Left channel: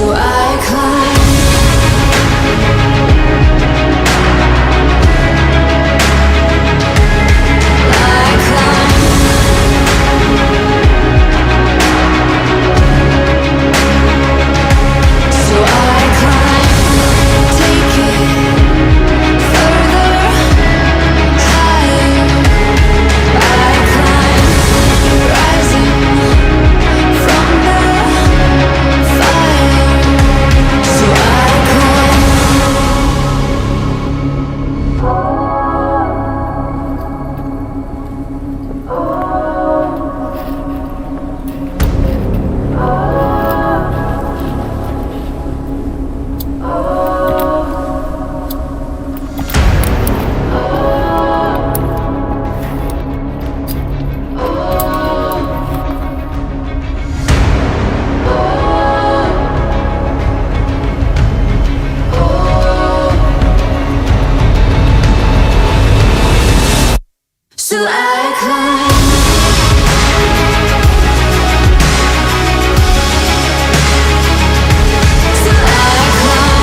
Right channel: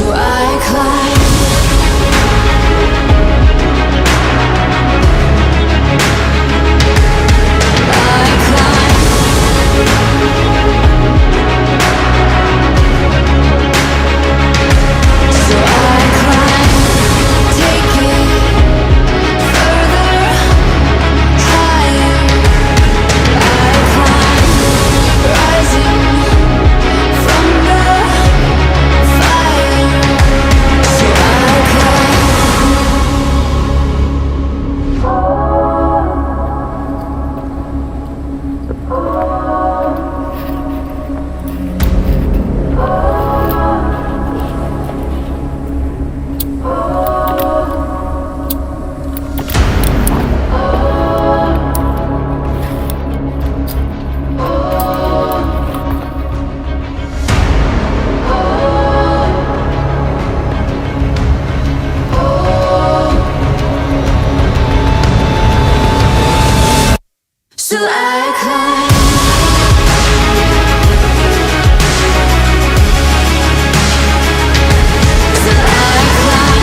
So I climb. So I climb. So I climb.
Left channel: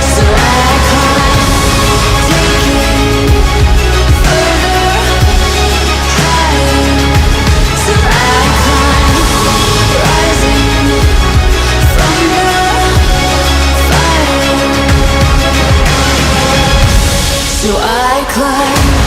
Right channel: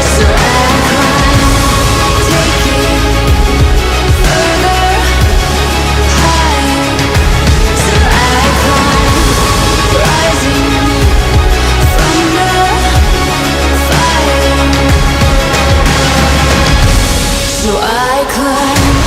So I climb. Take it further, higher. So I climb, rising from the fire. So I climb.